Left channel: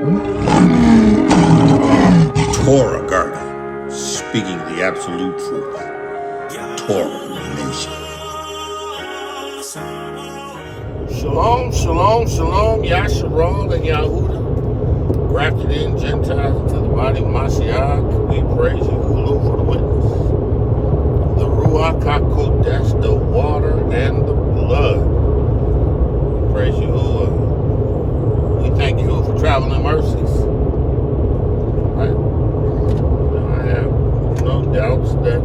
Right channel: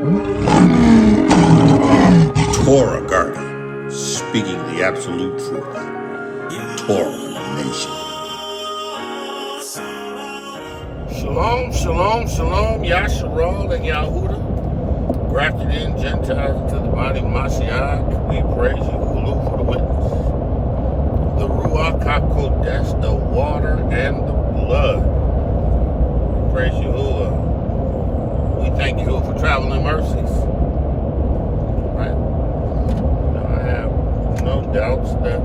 ToRaH Guardian, speaking the absolute truth. ToRaH Nation. Shalom, shalom, shalom, Yashar and Yahudah, grafted in Gentiles into the body of Mashiach. We praise Yahudah for the witness. The RUACH HaKodesh, the water and the blood. We praise Yahudah. We thank Yahudah for traveling mercies. Right? I have no doubts that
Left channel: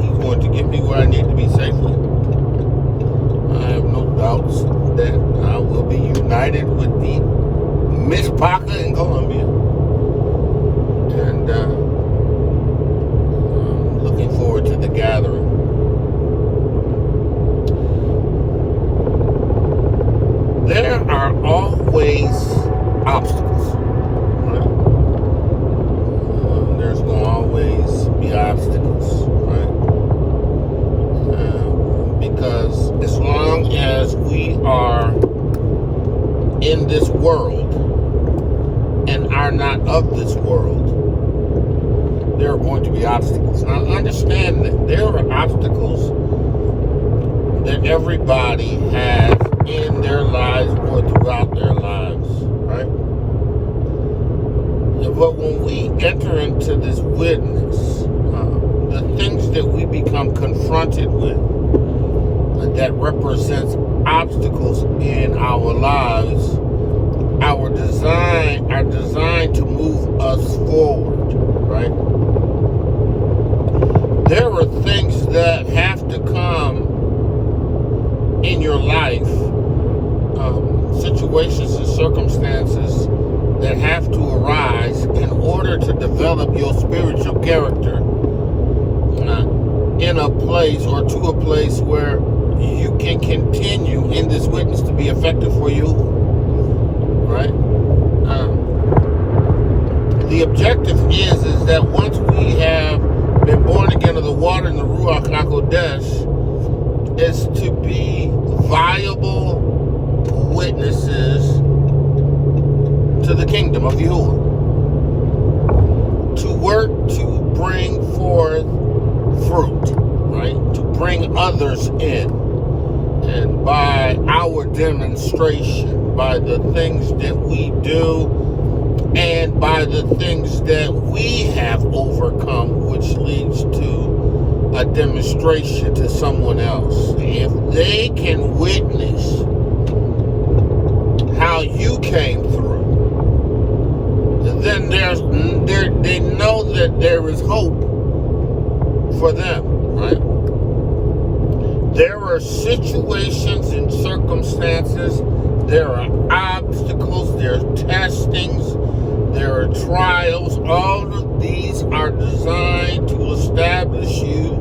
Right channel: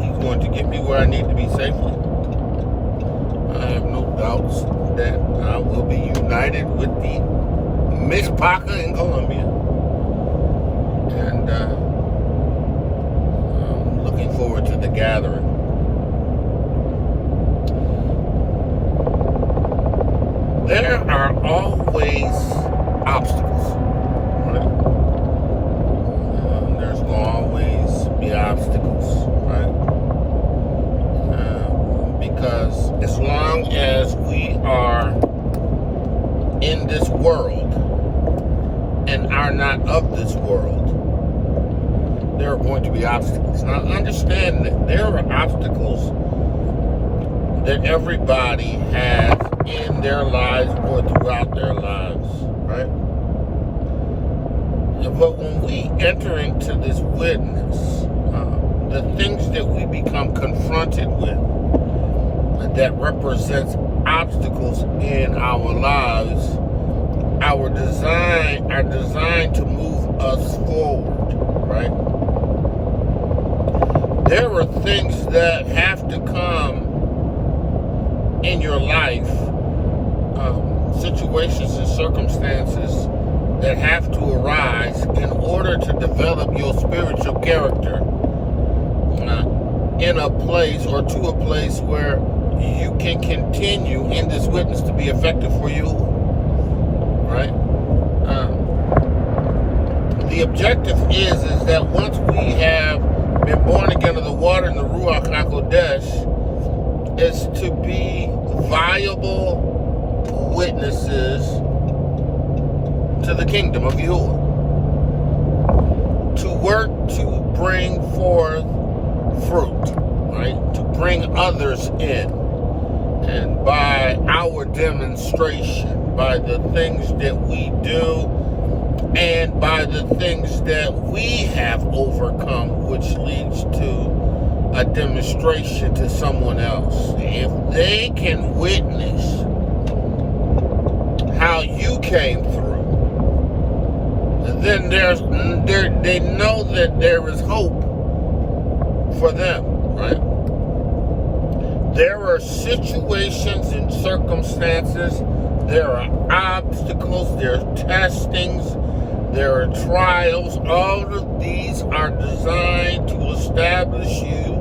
He's going to get me where I need to be safely. I have no doubts that I will be united with the Miss Parker in Colombia. And I'm looking forward to the gathering. There are always obstacles. There's going to always be obstacles, right? Because as long as we are in this world and are not of this world, there are going to be obstacles. Now understand that there are obstacles that everybody has in their lives or throughout their lives, right? But when we enter into this witness, the things that we become confronted with that represents obstacles in our lives are designed to move us forward, right? There are things that have to come in your life, situations and circumstances that have to arise in order to develop your spiritual character in a place or to a place where you can continue in this witness to be effective for you, right? The objective is that once we have been born again of the water and the RUACH HaKodesh, is to be viable witnesses to the kingdom of Yahudah. To work to bring forth fruit, right? To bring others in. And by our demonstration, by the things that we do, and by the things that we have overcome, which leads to a demonstration to someone else. If they can witness how you came through, then they know that there is hope for them, right? There are situations and circumstances, there are obstacles, there are testings, there are trials. All of these are designed to establish you,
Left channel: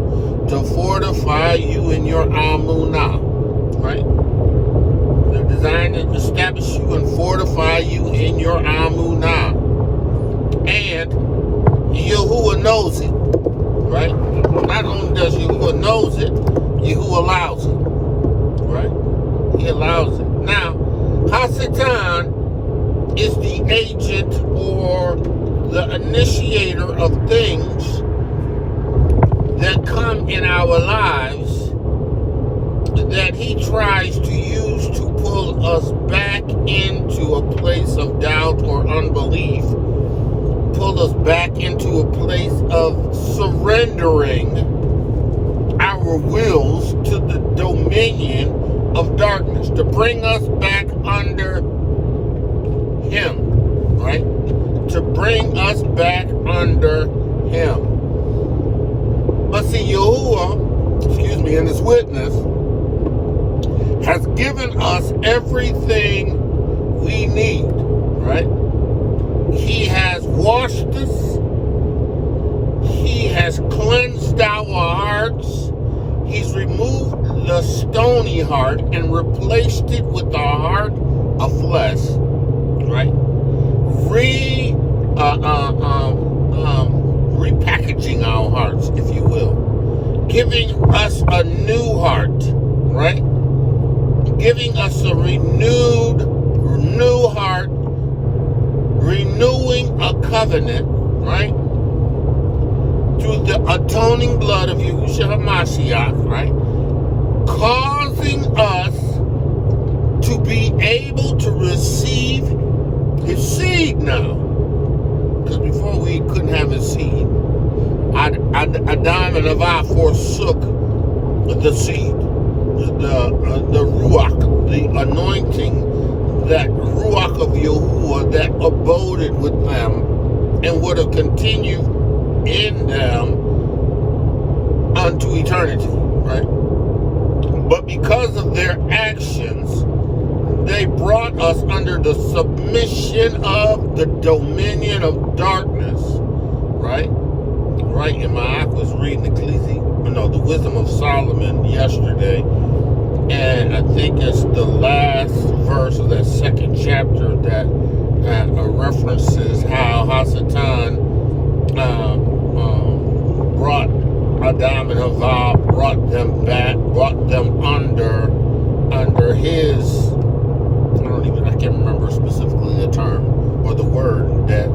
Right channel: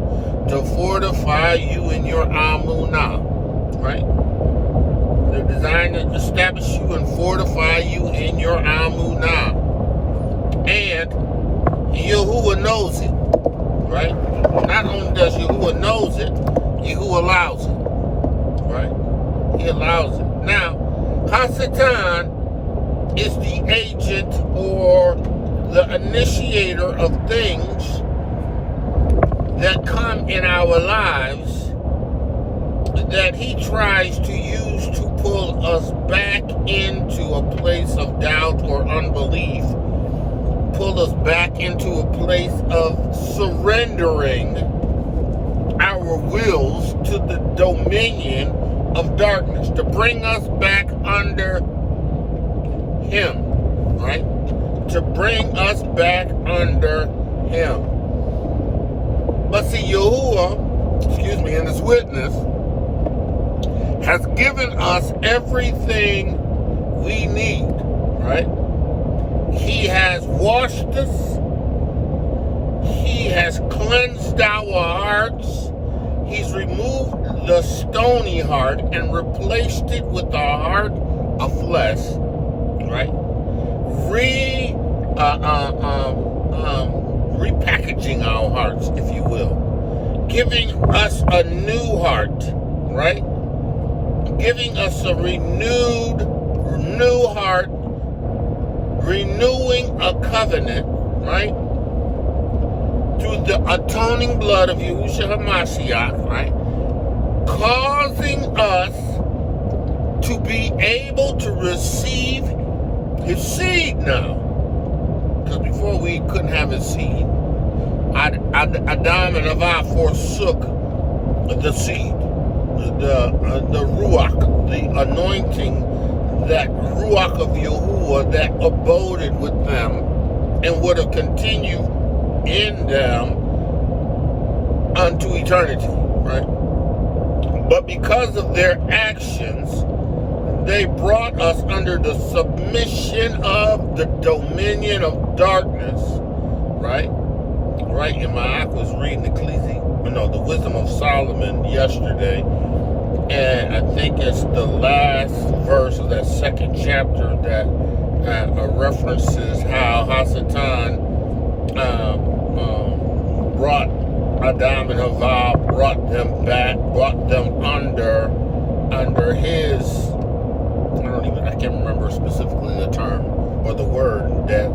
to fortify you in your Amunah, right? They're designed to establish you and fortify you in your Amunah. And Yahudah knows it, right? Not only does Yahudah knows it, Yahudah allows it, right? He allows it. Now, Hasatan is the agent or the initiator of things that come in our lives that he tries to use to pull us back into a place of doubt or unbelief, pull us back into a place of surrendering our wills to the dominion of darkness, to bring us back under him, right? To bring us back under him. But see, Yahudah, in his witness, has given us everything we need, right? He has washed us. He has cleansed our hearts. He's removed the stony heart and replaced it with a heart of flesh, right? Repackaging our hearts, if you will. Giving us a new heart, right? Giving us a renewed heart renewing a covenant, right? Through the atoning blood of Yahushua HaMashiach, right? Causing us to be able to receive his seed now. Because before we couldn't have his seed. Adam and Eva forsook the seed, the RUACH, the anointing, that RUACH of Yahudah that aboded with them and would have continued in them unto eternity, right? But because of their actions, they brought us under the submission of the dominion of darkness, right? Right, and I was reading the Wisdom of Solomon yesterday, and I think it's the last verse of that second chapter that references how Hasatan brought Adam and Eva, brought them back, brought them under his, I can't remember specifically the term or the word that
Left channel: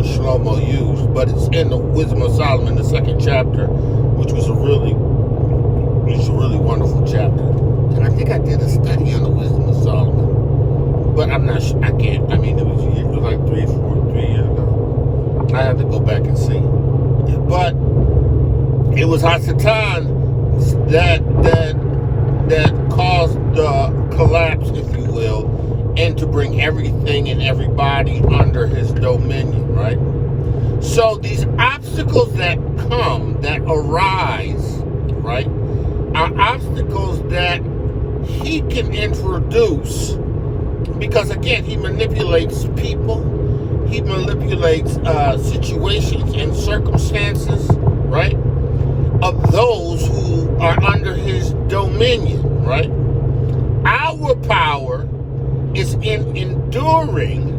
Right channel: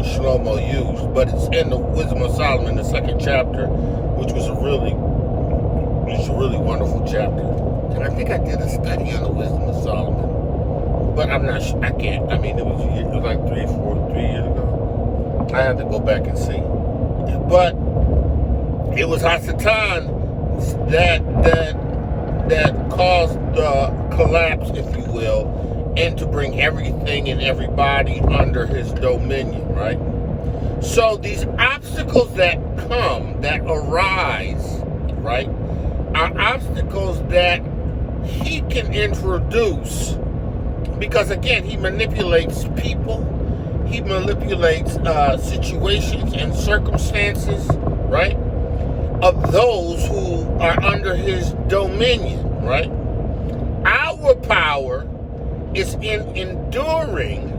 Shlomo used, but it's in the Wisdom of Solomon, the second chapter, which was a really wonderful chapter. And I think I did a study on the Wisdom of Solomon, but I'm not sure. I can't. I mean, it was like 3 years ago. I have to go back and see. But it was Hasatan that caused the collapse, if you will, and to bring everything and everybody under his dominion, right? So these obstacles that come, that arise, right, are obstacles that he can introduce because, again, he manipulates people, he manipulates situations and circumstances, right, of those who are under his dominion, right? Our power is in enduring.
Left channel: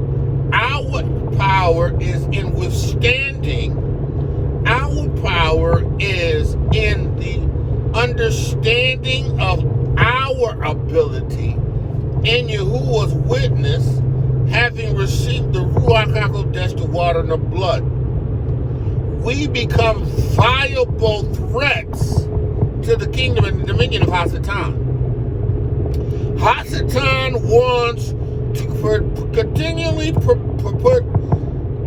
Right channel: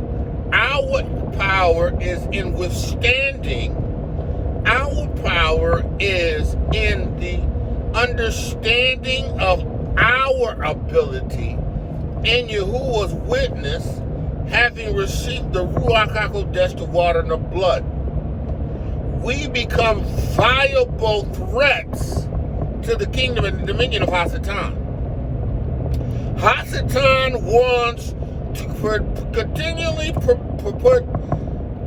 Our power is in withstanding. Our power is in the understanding of our ability in Yahuwah's witness, having received the Ruach HaKodesh, the water and the blood. We become viable threats to the kingdom and the dominion of Hasatan. Hasatan wants to continually put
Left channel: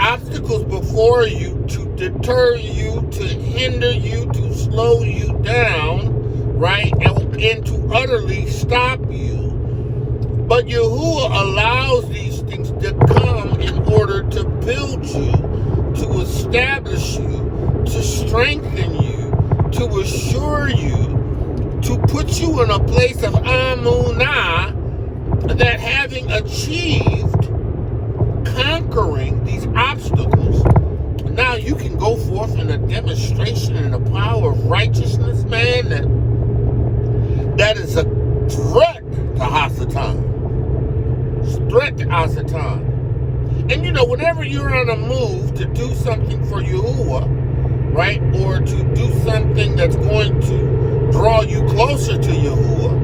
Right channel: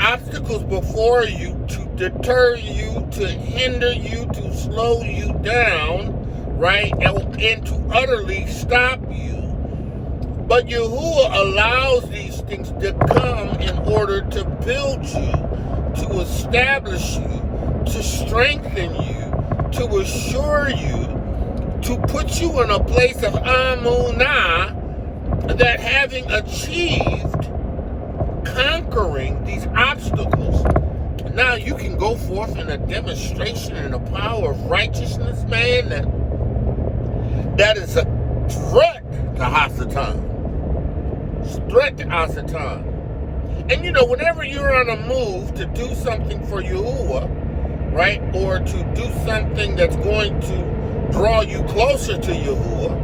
obstacles before you to deter you, to hinder you, to slow you down, right, and to utterly stop you. But Yahuwah allows these things to come in order to build you, to establish you, to strengthen you, to assure you, to put you in a place of amunah, that having achieved conquering these obstacles, now you can go forth in a demonstration in the power of righteousness, man, that is a threat to Hasatan. Threat to Hasatan. And whenever you're on a move to do something for Yahuwah, right, or to do something that's going to draw you closer to Yahuwah,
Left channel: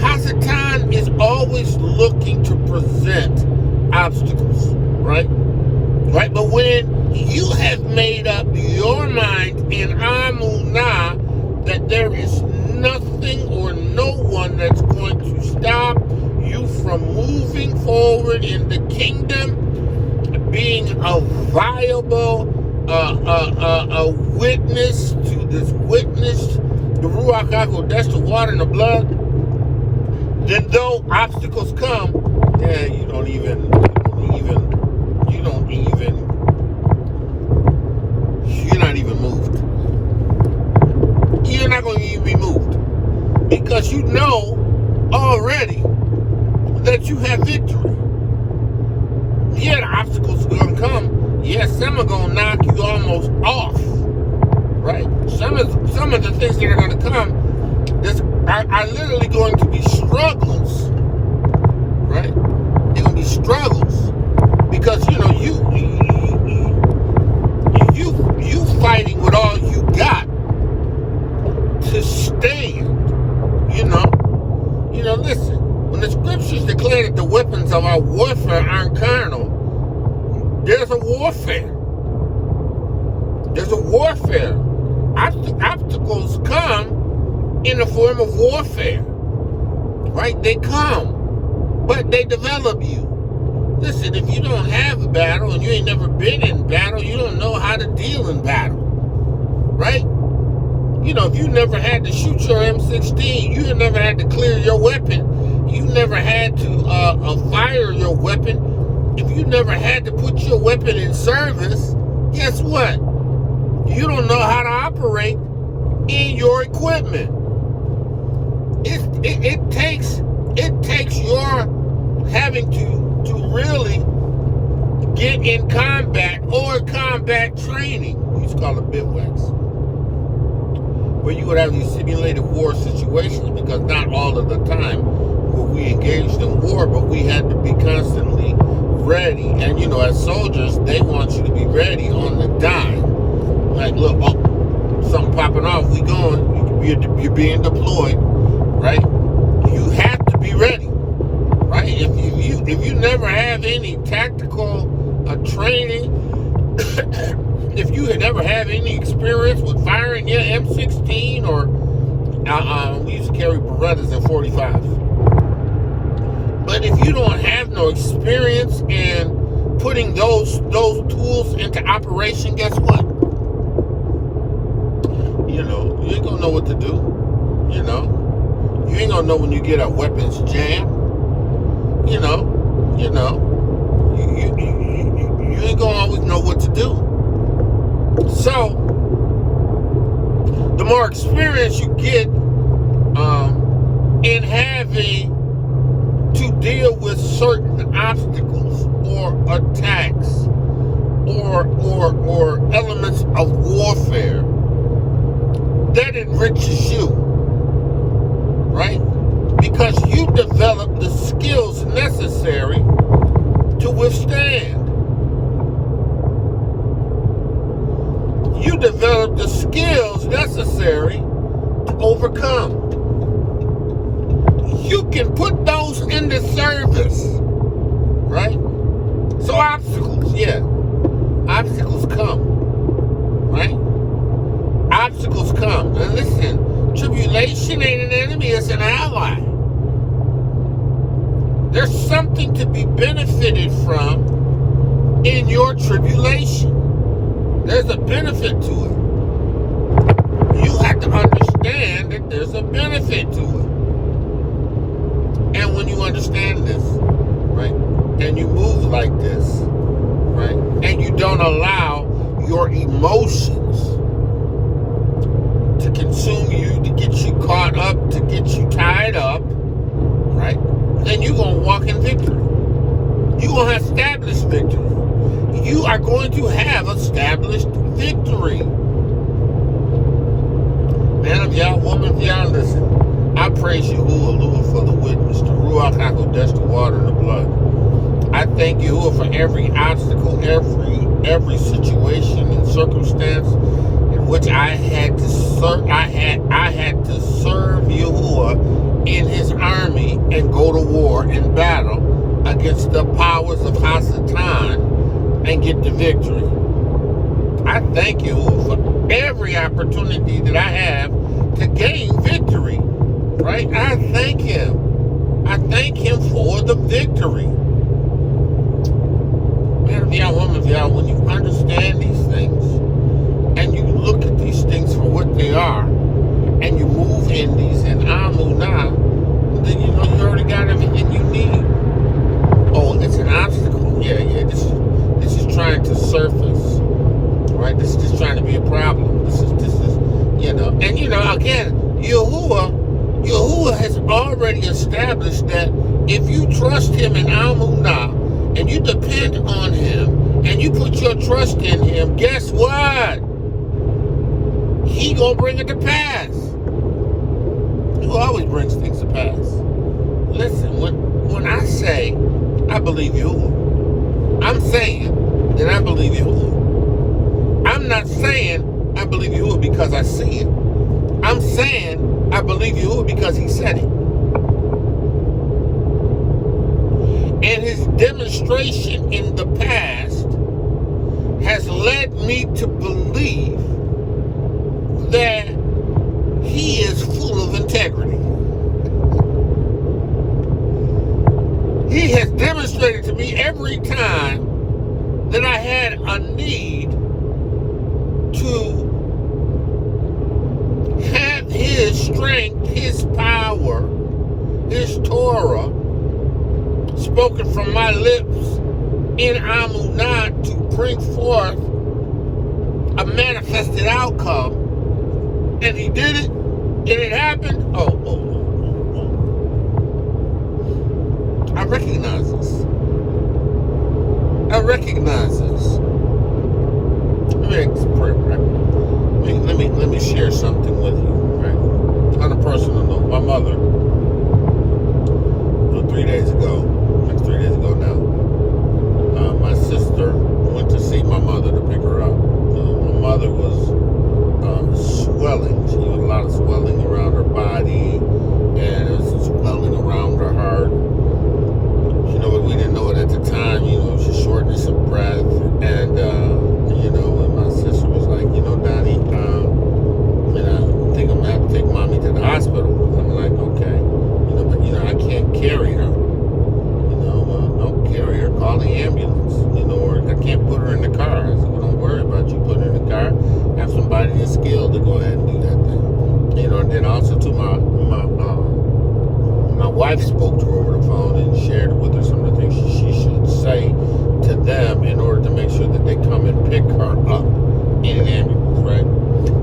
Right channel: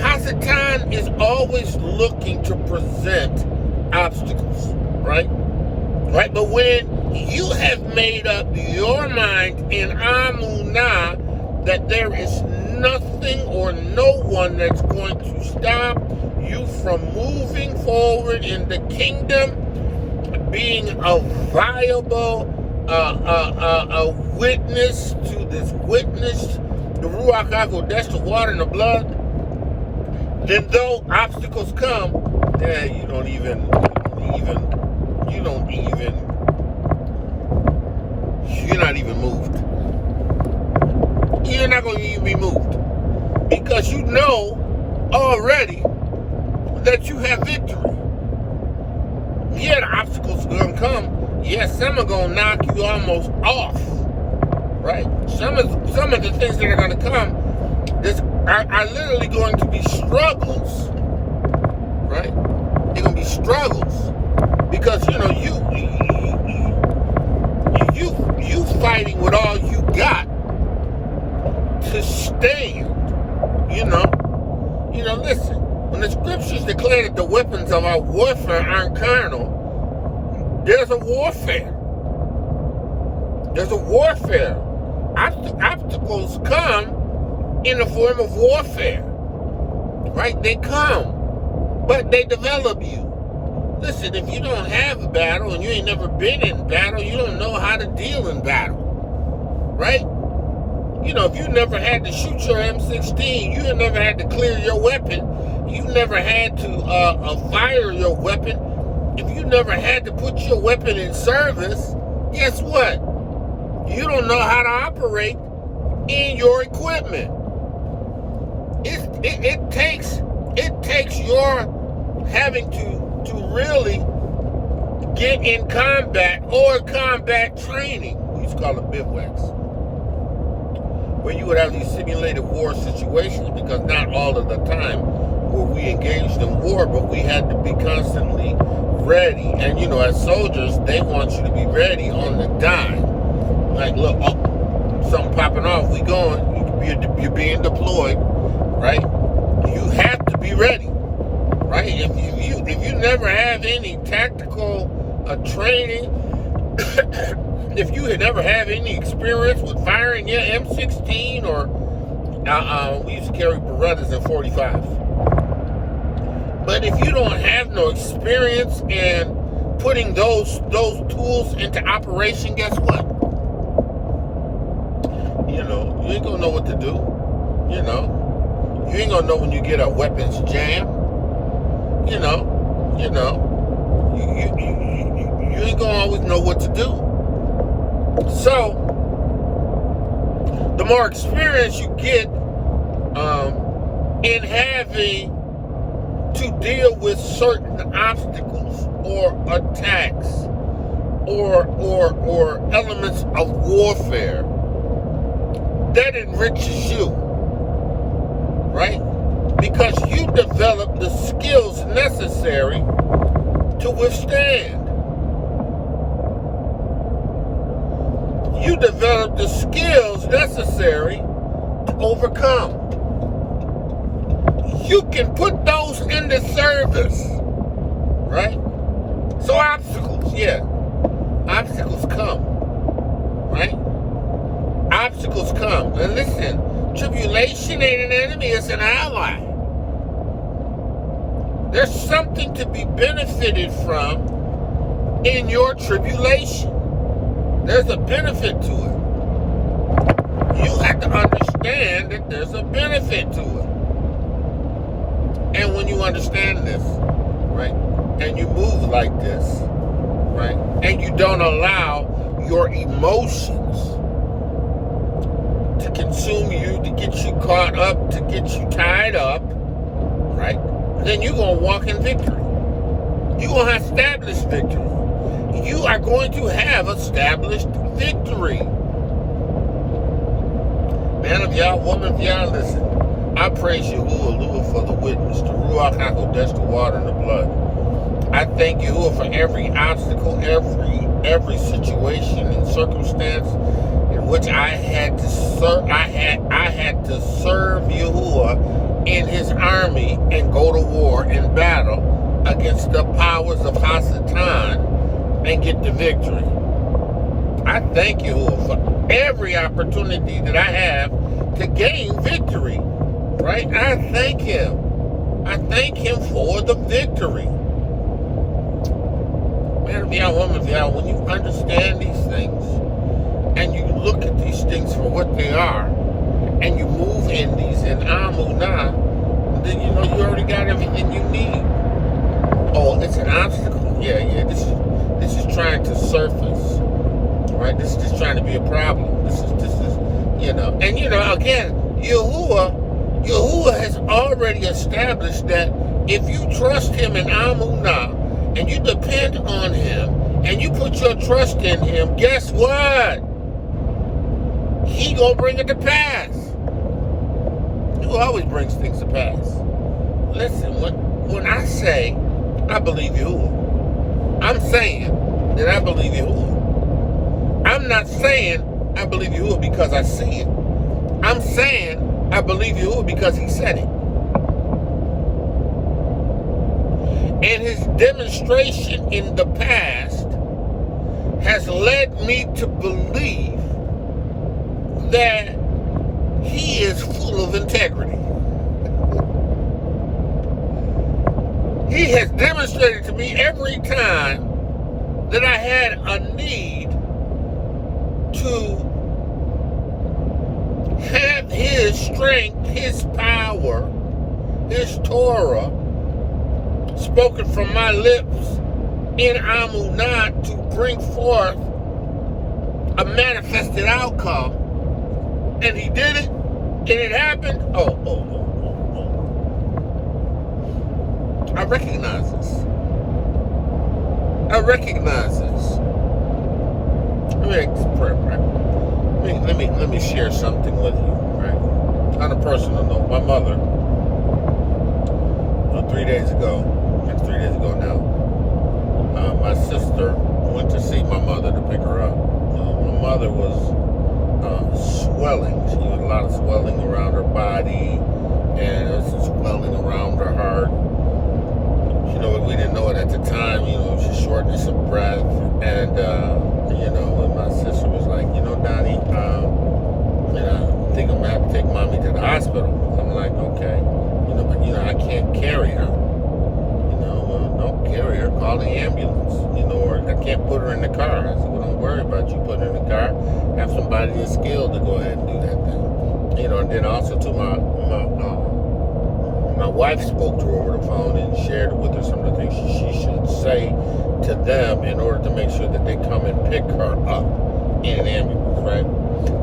Hasatan is always looking to present obstacles, right? Right? But when you have made up your mind in Amunah that there is nothing or no one that's going to stop you from moving forward in the kingdom, being a viable a witness to this witness, the Ruach HaKodesh, the water and the blood, then though obstacles come, you're not even moved. You're not going to even be moved. Because you know already that you have victory. Yeah, the obstacles are going to come. Yeah, some are going to knock you almost off. Right? Some of the things that are going to come are literally going to be struggles, right? They're going to be struggles because you fighting with all you got to stand. Listen. When the scriptures declare that the weapons of our warfare aren't carnal, there's a warfare. There's a warfare. Obstacles come in the form of warfare, right? They come, but they develop you. Listen, if you don't have a battle and you ain't never been in battle, you don't know how to deal in battle, right? You know, if you never had to shoot your M16, you never had to clear your weapon, you never had to fire your weapon, if you never had to put your weapon in service, guess what? You don't know how to operate in your equipment. It takes your having to really get in combat or combat training. We used to call it bivouacs, where you would have these simulated war situations, because not all of the time were we engaged in war, but we had to be constantly ready. And you know, as soldiers, they want you to be ready on the dime. Like, look, oh, something popping off, we going, you're being deployed, right? You have to be ready, right? If you never have any tactical training, if you had never had any experience with firing your M16 or we used to carry Berettas and 45s. But if you don't have no experience in putting those tools into operation, guess what? You know, you ain't gonna know what to do. You know, you ain't gonna know when you get a weapons jam. You ain't gonna always know what to do. So, the more experience you get in having to deal with certain obstacles or attacks or elements of warfare, that enriches you, right? Because you develop the skills necessary to withstand. You develop the skills necessary to overcome. You can put those into service, right? So obstacles, yeah. Obstacles come, right? Obstacles come. And listen, tribulation ain't an enemy, it's an ally. There's something to be benefited from in your tribulation. There's a benefit to it. You have to understand that there's a benefit to it. And when you understand this, right, and you move like this, right, and you don't allow your emotions to consume you, to get you caught up, to get you tied up, right, then you're going to walk in victory. You're going to establish victory. You are going to have established victory. Man of Yah, woman of Yah, listen. I praise Yahudah for the witness, the RUACH, HaKodesh, the water and the blood. I thank Yahudah for every obstacle, every situation and circumstance in which I had to serve. I had to serve Yahudah in his army and go to war and battle against the powers of Hasatan and get the victory. I thank Yahudah for every opportunity that I have to gain victory. Right? I thank him. I thank him for the victory. Man of Yah, woman of Yah, when you understand these things and you look at these things for what they are and you move in these in Amunah, then you know you already got everything you need. Oh, it's an obstacle. Yeah. This is trying to surface. Right? This is just trying to be a problem. This is you know. And you know, again, Yahudah has already established that if you trust him in Amunah and you depend on him and you put your trust in him, guess what? He gonna bring it to pass. He always brings things to pass. Listen, when I say I believe Yahudah, I'm saying that I believe Yahudah. I'm not saying I believe Yahudah because I see it. I'm saying I believe Yahudah because he said it. And his demonstration in the past has led me to believe that he is full of integrity. He has demonstrated to me every time that I had a need to have his strength, his power, his ToRaH spoken from my lips in Amunah to bring forth a manifested outcome. And he did it, and it happened. I recognize this. Let me share something with you, right? On a personal note, my mother, 3 days ago, that's 3 days ago now, my sister went to see my mother to pick her up. My mother was swelling. She had a lot of swelling around her body and swelling around her heart. You know, but we didn't know it at the time. You know, she shortness of breath, and you know, and my sister was like, you know, Donnie, I think I'm gonna have to take mommy to the hospital. I'm like, okay, you know, but you know, I can't carry her. You know, don't carry her. Call the ambulance. You know, or I can't put her in the car. I said, well, don't worry about you putting her in the car. Have somebody that's skilled to go ahead and do that thing. You know, and then also to my wife spoke to her over the phone and shared with her some of the things she should say to them in order to make sure that they come and pick her up in an ambulance, right?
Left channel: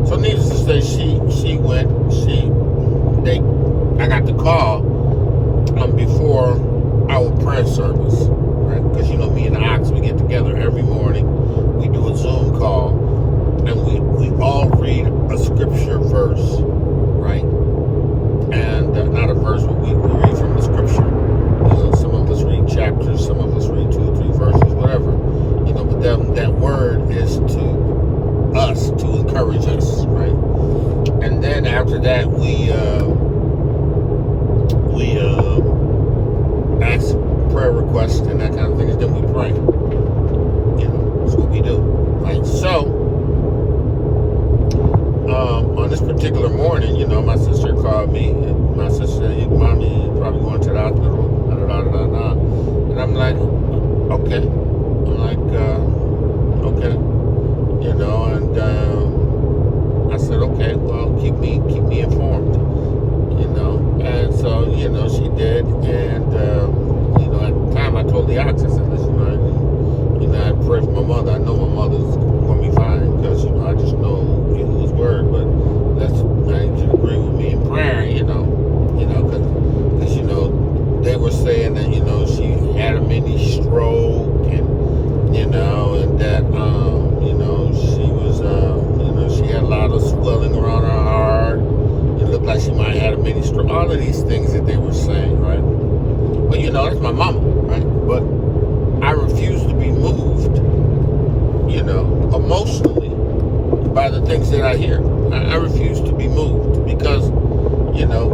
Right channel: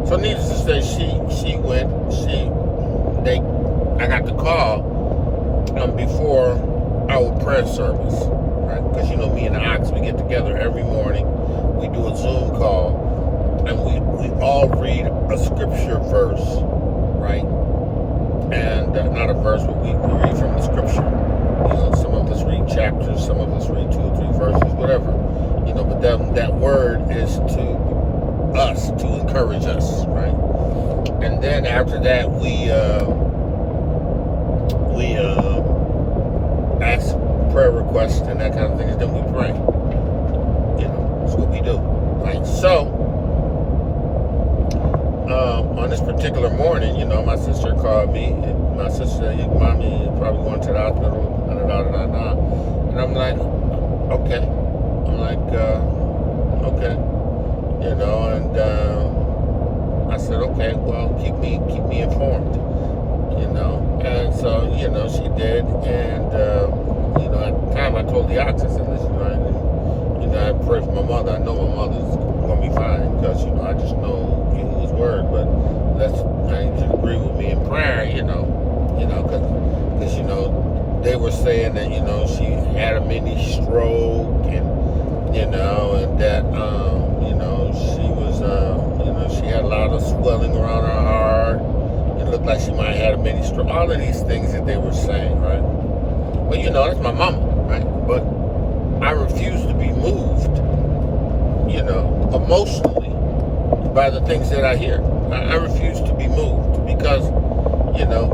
So needless to say, I got the call before our prayer service, right? Because you know, me and the Ox, we get together every morning. We do a Zoom call, and we all read a scripture verse, right? And not a verse, but we read from the scripture. You know, some of us read chapters, some of us read 2 or 3 verses, whatever. You know, but that word is to us, to encourage us, right? And then after that, we ask prayer requests and that kind of thing, and then we pray. You know, that's what we do. Right? So, on this particular morning, you know, my sister called me, and my sister said, mommy is probably going to the hospital, and I'm like, okay. Okay. You know, and I said, okay, well, keep me informed, you know. And so, you know, she did, and, you know, at the time I told the Ox, I said, listen, I pray for my mother. I know my mother's going to be fine, because, you know, I just know Yahuwah's word, but I need you to agree with me in prayer, you know, because, you know, they were saying that, you know, she had a mini stroke, and, you know, and that, you know, she was, you know, she had a lot of swelling around her heart. It looked like she might have had a mini stroke. All of these things that they were saying, right? But, you know, that's my mama, right? But I refuse to be moved, you know, emotionally by the things that I hear. I refuse to be moved because, you know,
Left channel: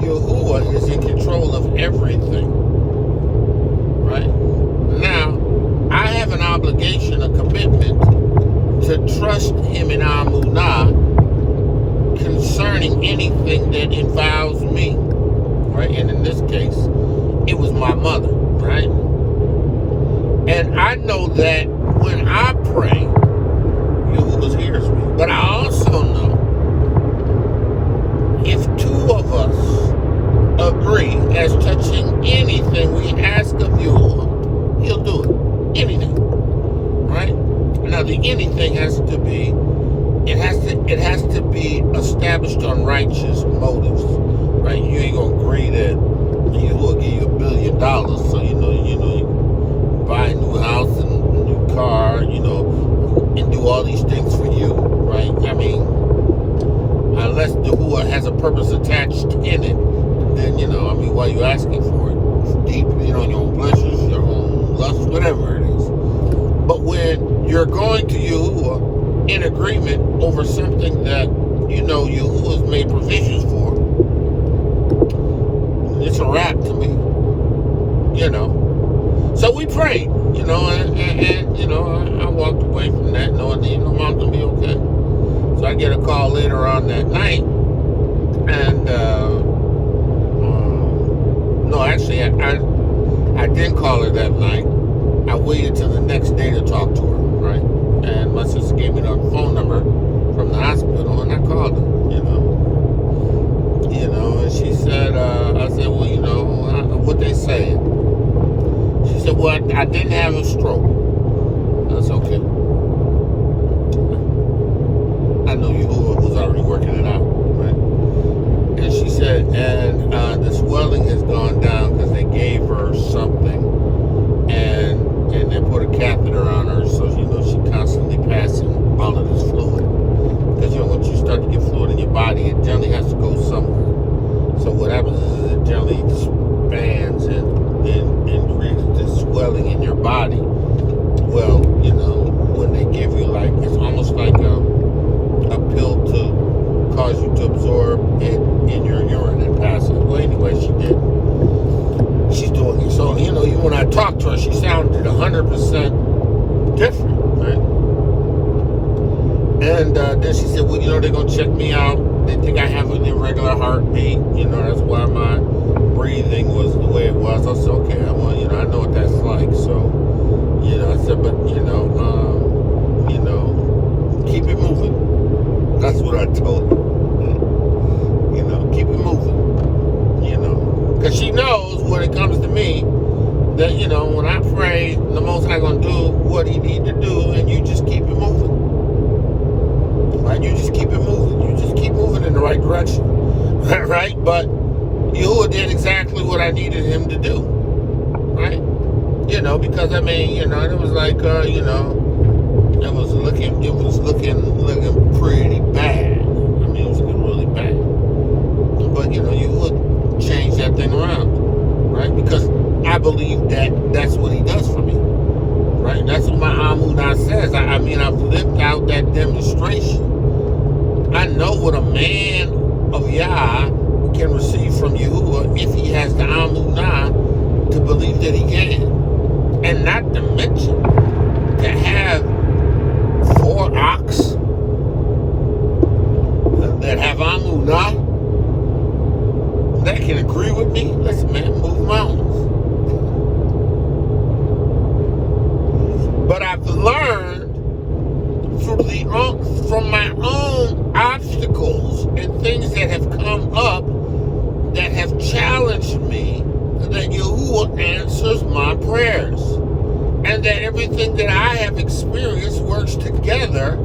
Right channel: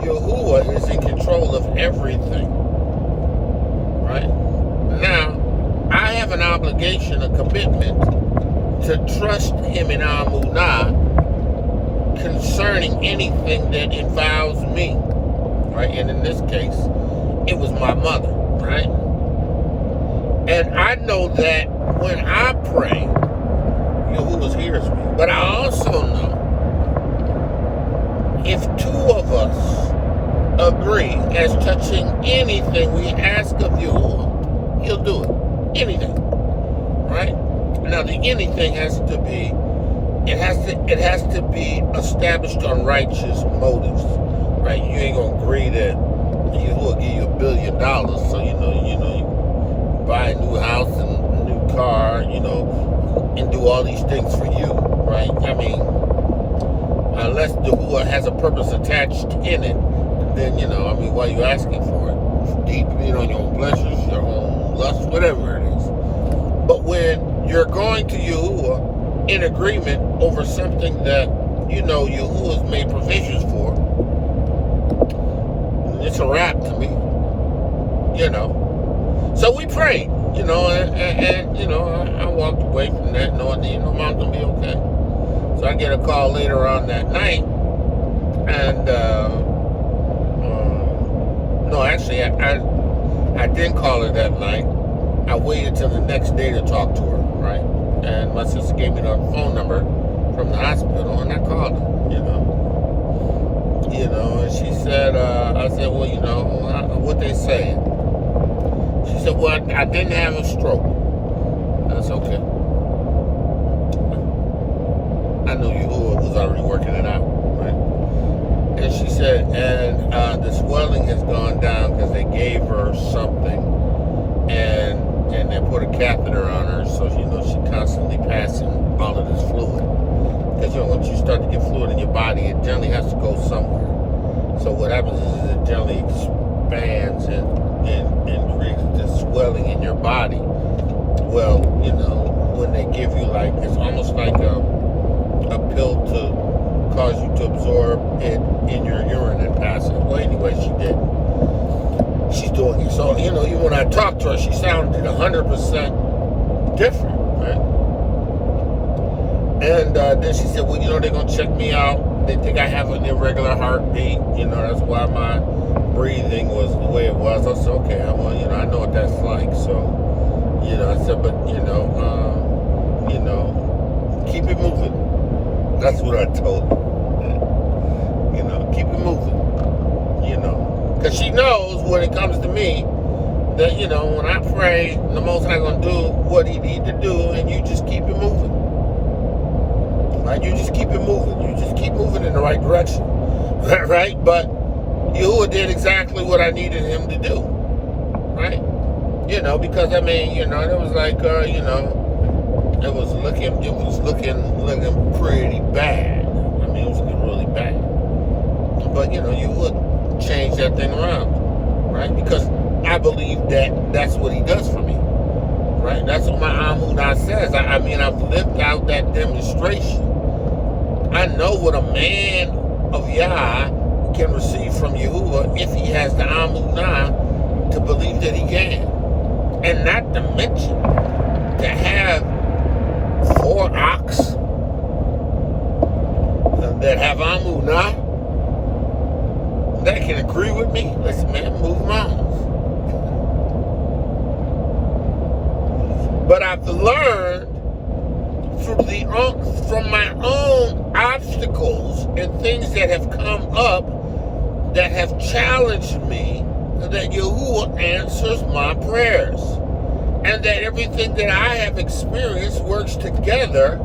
Yahuwah is in control of everything, right? Now, I have an obligation, a commitment to trust him in Amunah concerning anything that involves me, right? And in this case, it was my mother, right? And I know that when I pray, Yahuwah hears me. But I also know if 2 of us agree as touching anything we ask of Yahuwah, he'll do it. Anything, right? Now the anything has to be, it has to be established on righteous motives, right? You ain't gonna agree that Yahuwah give you $1 billion, so you buy a new house and a new car, you know, and do all these things for you, right? I mean, unless Yahuwah has a purpose attached in it, then, you know, I mean, why are you asking for it? It's deep, you know, your own pleasures, your own lusts, whatever it is. But when you're going to Yahuwah in agreement over something that, you know, Yahuwah's made provisions for, it's a wrap to me, you know. So we prayed, you know, and you know, I walked away from that knowing that my mom's going to be okay. So I get a call later on that night, and no, actually, I didn't call her that night. I waited till the next day to talk to her, right? And my sister gave me the phone number from the hospital, and I called her, you know, and she said, I said, well, you know, what they saying? She said, well, I didn't have a stroke. That's okay. I know Yahudah was already working it out, right? And she said, and the swelling has gone down because they gave her something, and they put a catheter on her, so she knows she's constantly passing all of this fluid. Because, you know, once you start to get fluid in your body, it generally has to go somewhere. So what happens is it generally expands and increases the swelling in your body. Well, you know, when they give you like, it's almost like a pill to cause you to absorb it in your urine and pass it. Well, anyway, she did. She's doing it. So, you know, even when I talked to her, she sounded 100% different, right? And then she said, well, you know, they're going to check me out. They think I have an irregular heartbeat. You know, that's why my breathing was the way it was. I said, okay, well, you know, I know what that's like. So, you know, I said, but, you know, keep it moving. That's what I told her. You know, keep it moving. You know, because she knows when it comes to me that, you know, when I pray, the Most High going to do what he need to do, and you just keep it moving. Right? You just keep it moving. You just keep moving in the right direction. Right? But Yahudah did exactly what I needed him to do. Right? You know, because, I mean, you know, it was like, you know, it was looking pretty bad. I mean, it was looking really bad. But, you know, you would change that thing around, right? Because I believe that that's what he does for me, right? That's what my ADONI says. I mean, I've lived out that demonstration. I know what a man of Yah can receive from Yahudah if he has the ADONI to believe that he can. And not to mention, to have 4 ox that have ADONI that can agree with me. Listen, man, move mountains. But I've learned from my own obstacles and things that have come up that have challenged me that Yahudah answers my prayers. And that everything that I have experienced works together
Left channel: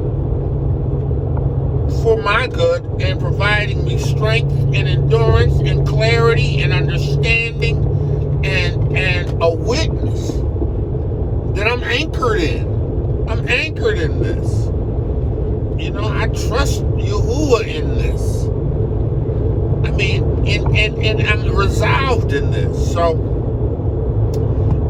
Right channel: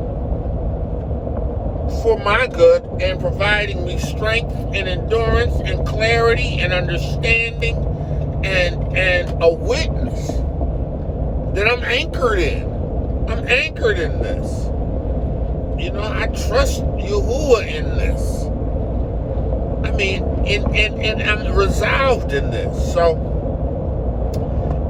for my good and providing me strength and endurance and clarity and understanding and a witness that I'm anchored in. I'm anchored in this. You know, I trust Yahudah in this. I mean, and I'm resolved in this. So,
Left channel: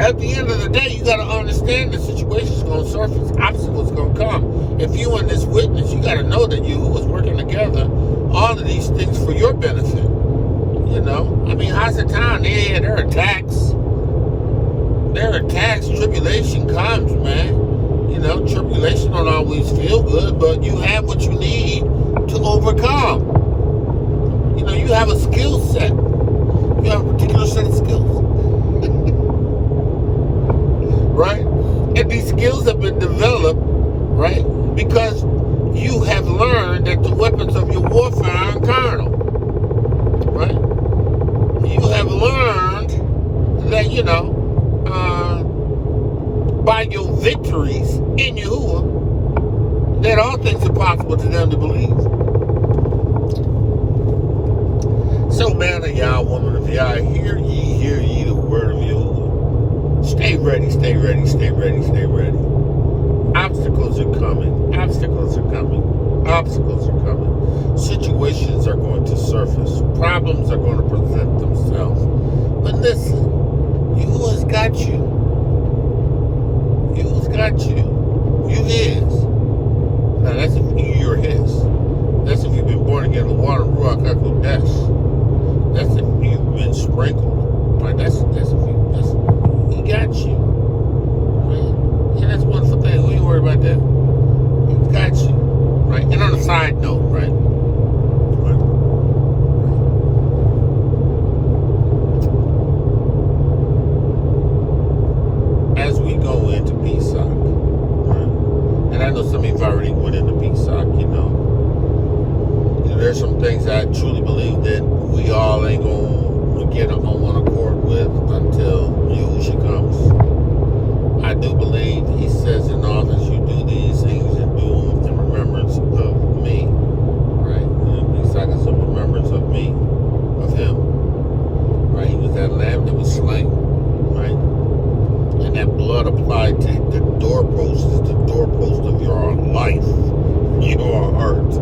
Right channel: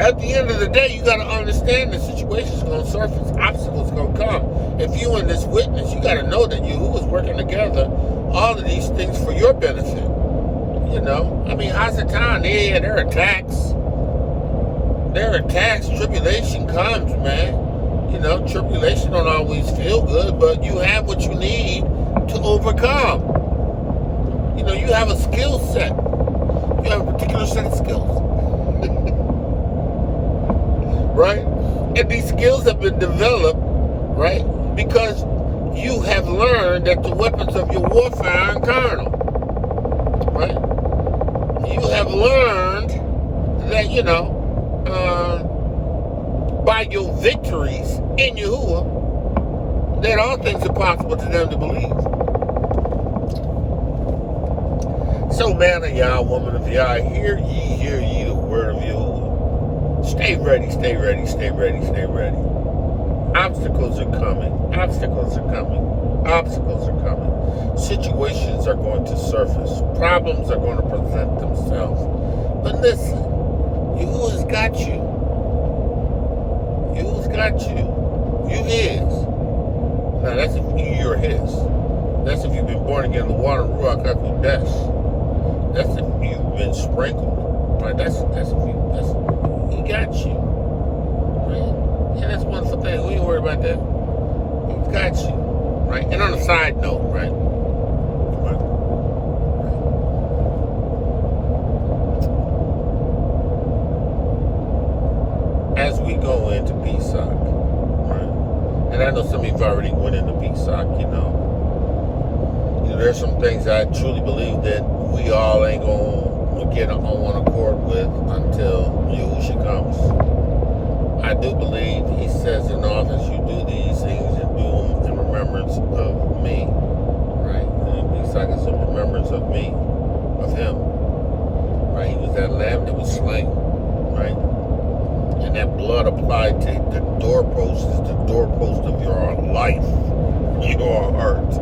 at the end of the day, you got to understand the situation is going to surface. Obstacles going to come. If you in this witness, you got to know that Yahudah is working together all of these things for your benefit. You know, I mean, Hasatan, there are attacks. There are attacks. Tribulation comes, man. You know, tribulation don't always feel good, but you have what you need to overcome. You know, you have a skill set. You have a particular set of skills. Right? And these skills have been developed, right? Because you have learned that the weapons of your warfare are carnal. Right? You have learned that, you know, by your victories in Yahudah, that all things are possible to them to believe. So, man of Yah, woman of Yah, hear ye the word of Yahudah. Stay ready, stay ready, stay ready, stay ready. Obstacles are coming. Obstacles are coming. Obstacles are coming. Situations are going to surface. Problems are going to present themselves. But listen, Yahuwah's got you. Yahuwah's got you. You his. Now that's if you're his. That's if you've been born again in the water, RUACH. That's if you've been sprinkled. Right? That's he got you. going to into PSOC. Right? And I know some of you already went into PSOC, you know. There's some things I truly believe that we all ain't going to get on one accord with until YAHUSHA comes. I do believe he says in office, you do these things and do them in remembrance of me. Right? And PSOC is in remembrance of me, of him. Right? He was that lamb that was slain. Right? And that blood applied to the doorpost is the doorpost of your life, your heart.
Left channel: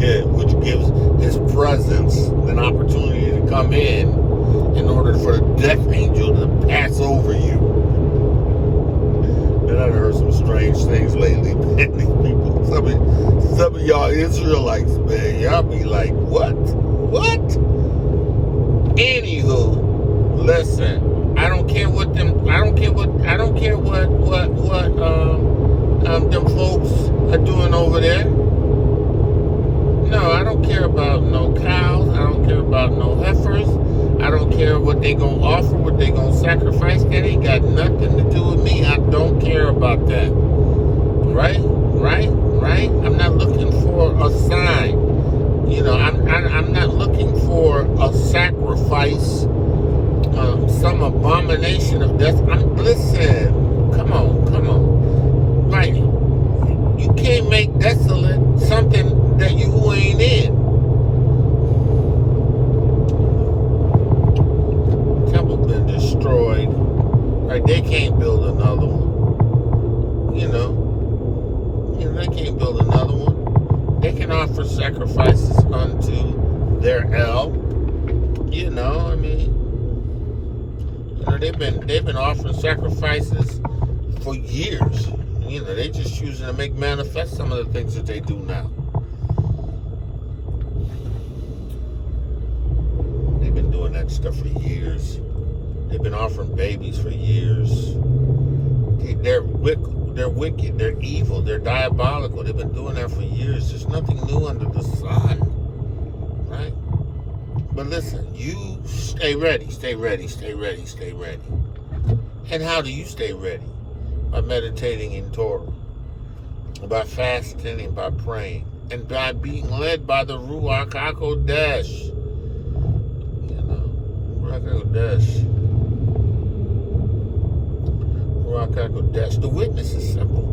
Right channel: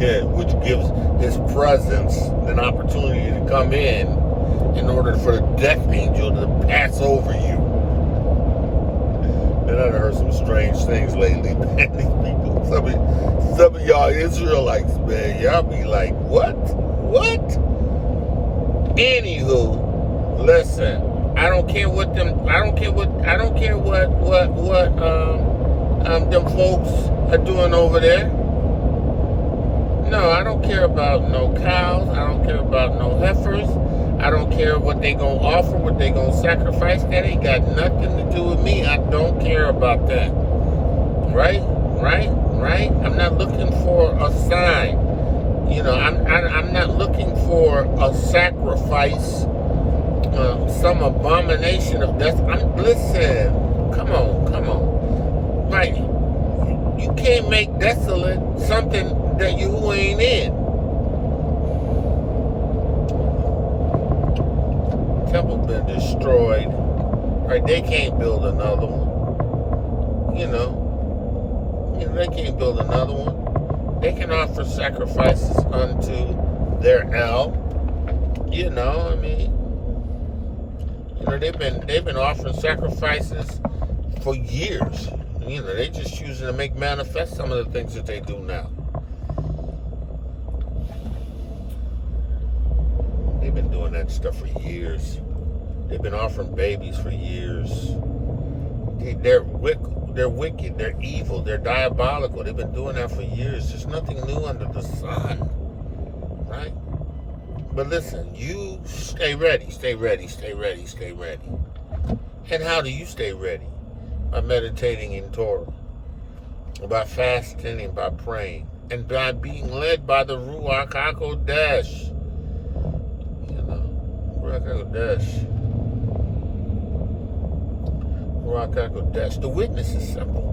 Yeah, which gives his presence an opportunity to come in order for the death angel to pass over you. And I've heard some strange things lately, man. These people, some of y'all Israelites, man, y'all be like, what? What? Anywho, listen. I don't care what them folks are doing over there. No, I don't care about no cows. I don't care about no heifers. I don't care what they gonna offer, what they gonna sacrifice. That ain't got nothing to do with me. I don't care about that. Right? I'm not looking for a sign. You know, I'm not looking for a sacrifice. Some abomination of death. Listen, come on. Right. You can't make desolate something that you ain't in. Temple been destroyed. Right. They can't build another one. You know, they can't build another one. They can offer sacrifices unto their El. You know, I mean, you know, they've been offering sacrifices for years. You know, they just choosing to make manifest some of the things that they do now. They've been doing that stuff for years. They've been offering babies for years. They're wicked. They're evil. They're diabolical. They've been doing that for years. There's nothing new under the sun, right? But listen, you stay ready. And how do you stay ready? By meditating in ToRaH, by fasting and by praying, and by being led by the RUACH HaKodesh. You know, RUACH HaKodesh. The witness is simple.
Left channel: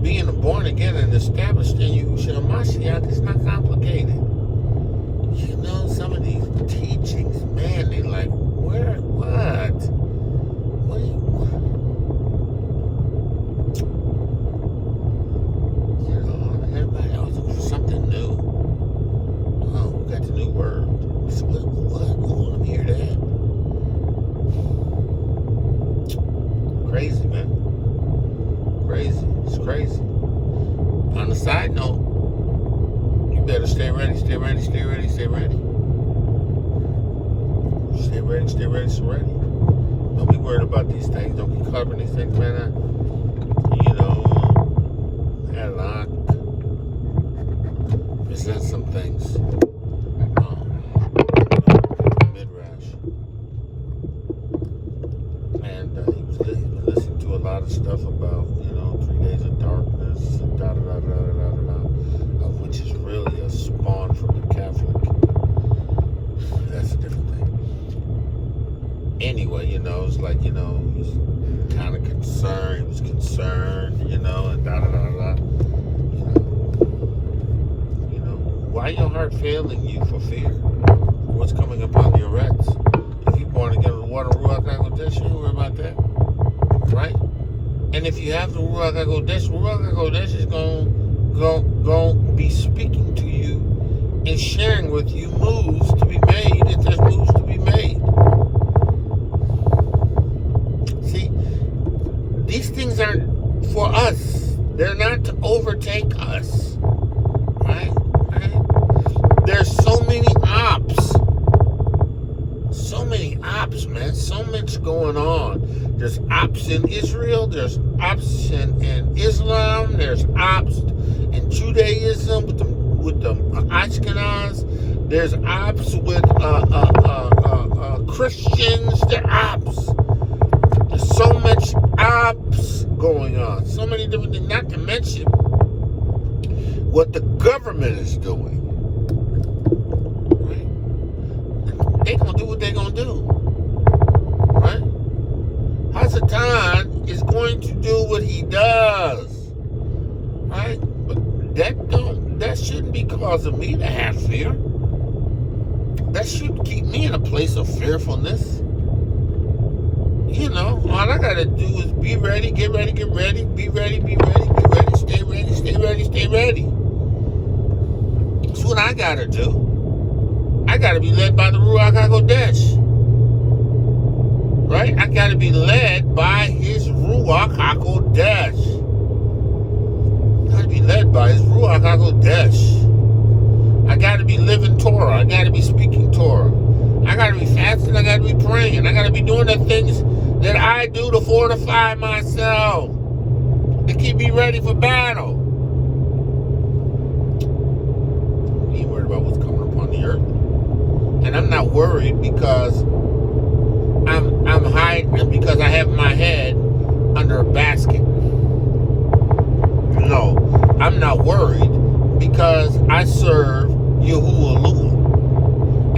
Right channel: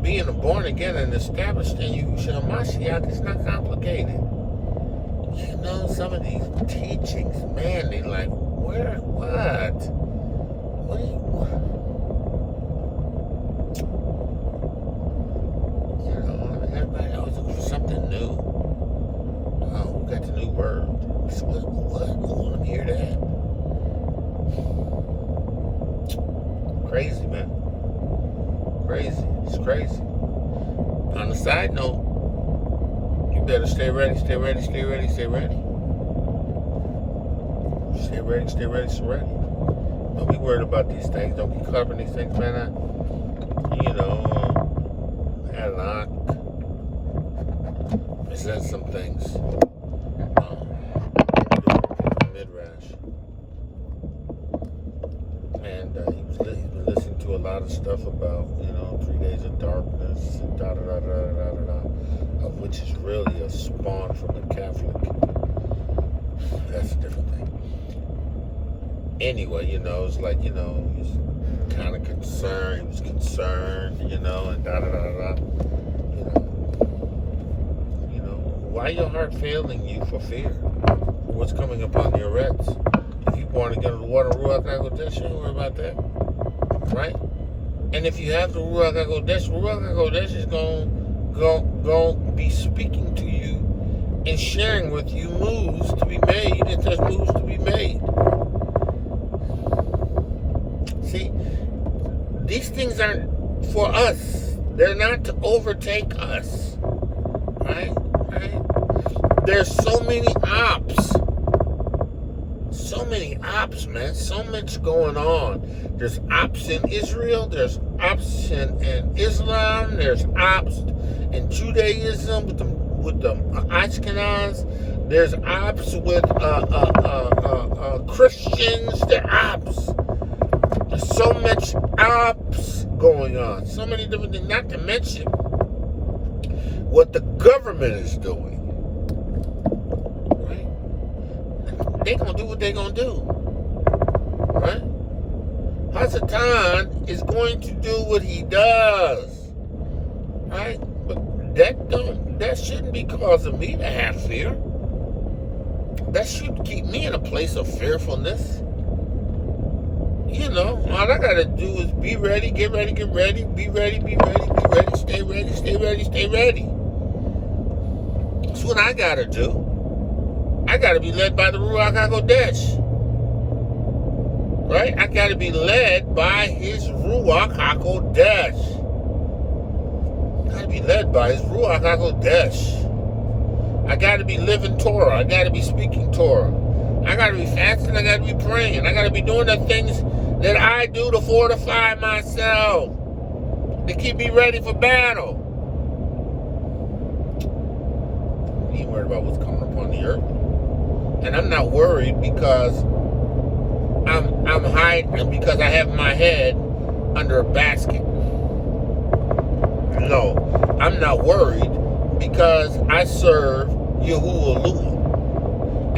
Being born again and established in YAHUSHA HaMashiach is not complicated. You know, some of these teachings, man, they like, what? You know, everybody always looking for something new. Oh, we got the new word. So what? Let me hear that. Crazy, man. Crazy. It's crazy. On the side note, you better stay ready. Don't be worried about these things. Don't be covering these things, man. You know, it says some things. Midrash. And he was listening to a lot of stuff about, 3 days of darkness, and of which is really a spawn from the Catholic. That's a different thing. Anyway, it's like, he was kind of concerned. He was concerned, and why your heart failing you for fear? What's coming upon your reds? If you born again in the water, RUACH HaKodesh, you don't worry about that, right? And if you have the RUACH HaKodesh is going to be speaking to you and sharing with you moves to be made if there's moves to be made. See, these things aren't for us. They're not to overtake us. Right? There's so many ops. Man. So much going on. There's ops in Israel. There's ops in Islam. There's ops in Judaism with the Ashkenaz. There's ops with Christians. There are ops. There's so much ops going on, so many different things, not to mention what the government is doing. Right? They're going to do what they're going to do. Right? Hasatan is going to do what he does. Right? But that shouldn't be causing me to have fear. That should keep me in a place of fearfulness. You know, all I gotta do is be ready, get ready, be ready, be ready, stay ready. That's what I gotta do. I gotta be led by the RUACH HaKodesh. Right? I gotta be led by his RUACH HaKodesh. I gotta be led by his RUACH HaKodesh. I gotta be living ToRaH. I gotta be speaking ToRaH. I gotta be fasting. I gotta be praying. I gotta be doing the things that I do to fortify myself, to keep me ready for battle. You ain't worried about what's coming upon the earth. And I'm not worried because I'm hiding, because I have my head under a basket. No, I'm not worried because I serve Yahudah.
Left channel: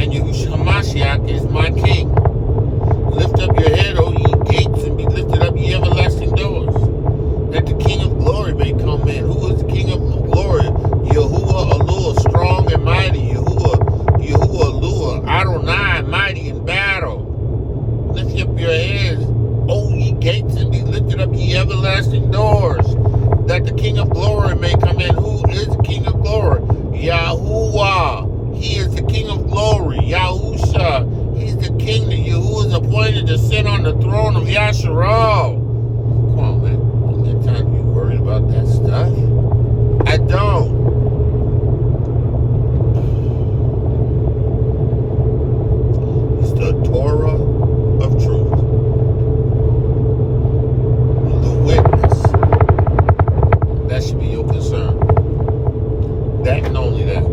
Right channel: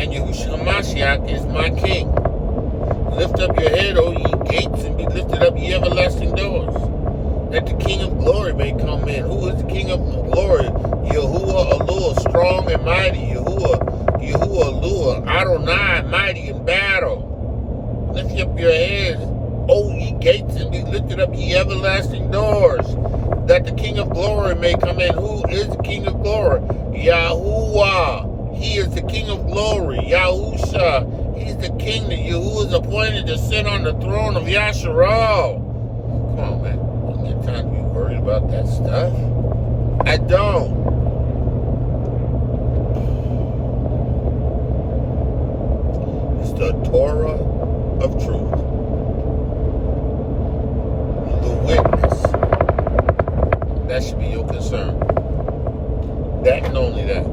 And YAHUSHA is my king. Lift up your head, O ye gates, and be lifted up, ye everlasting doors, that the King of glory may come in. Who is the King of glory? Yahudah, strong and mighty. Yahudah, ADONI, mighty in battle. Lift up your heads, O ye gates, and be lifted up, ye everlasting doors, that the King of glory may come in. Who is the King of glory? Yahudah. He is the King of glory. Yahusha. He's the king that Yahudah is appointed to sit on the throne of Yashar. Come on, man. Don't get time to be worried about that stuff. I don't. It's the ToRaH of truth. The witness. That should be your concern. That and only that.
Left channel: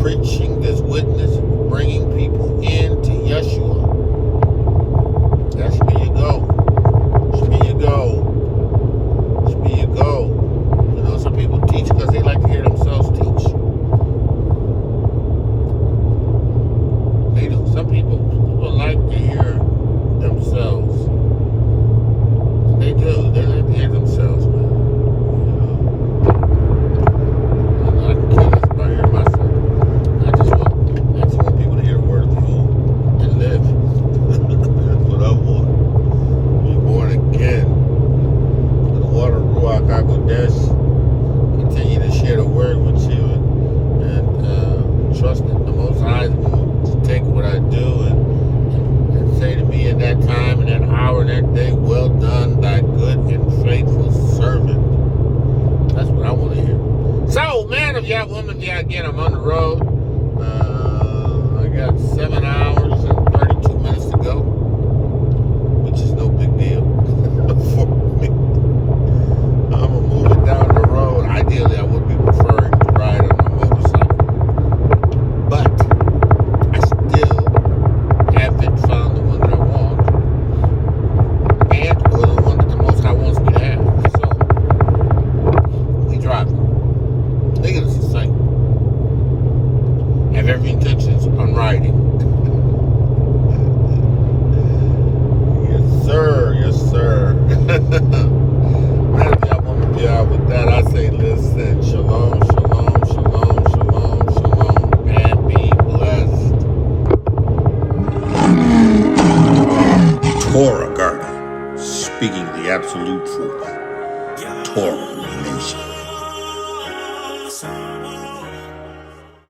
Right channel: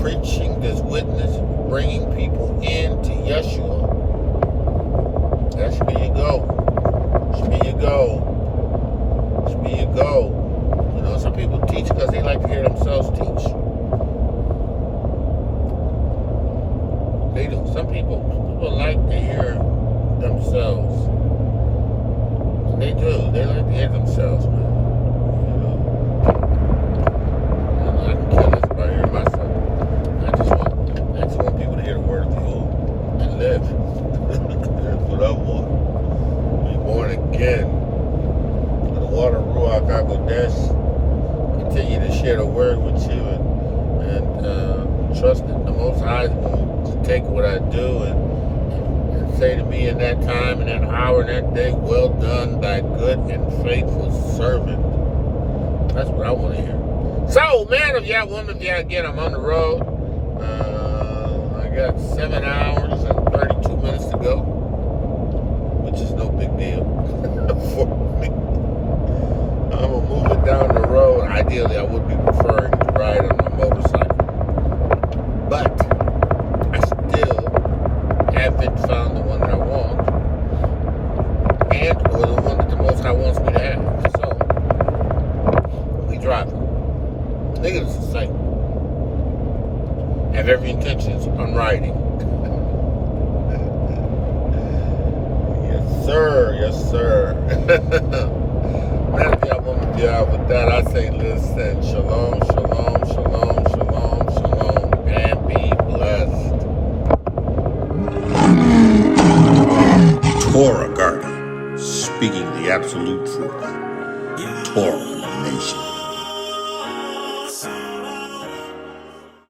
Preaching this witness, bringing people into Yeshua. That should be your goal. Should be your goal. Should be your goal. You know, some people teach because they like to hear themselves teach. They do. Some people like to hear themselves. They do. They like to hear themselves, man. I can kill this by hearing myself. I just want people to hear the word of Yahudah and live. That's what I want. Be born again. The water of RUACH HaKodesh. Continue to share the word with you and trust that the Most High will take what I do and say to me in that time and that hour and that day, well done, thy good and faithful servant. That's what I want to hear. So, man of Yah, woman of Yah, again, I'm on the road. I got 7 hours and 32 minutes to go, which is no big deal for me. I'm going to move it down the road. Ideally, I would be preferring to ride on a motorcycle. But I still haven't found the one that I want, or the one that the Most High wants me to have. So, we driving. Nigga, this is sight. Have every intentions on riding. Yes, sir. Yes, sir. Man, if y'all want to deal with that, I say listen. Shalom, shalom, shalom, shalom, shalom, and be blessed. ToRaH Garden, speaking the absolute truth. ToRaH Nation.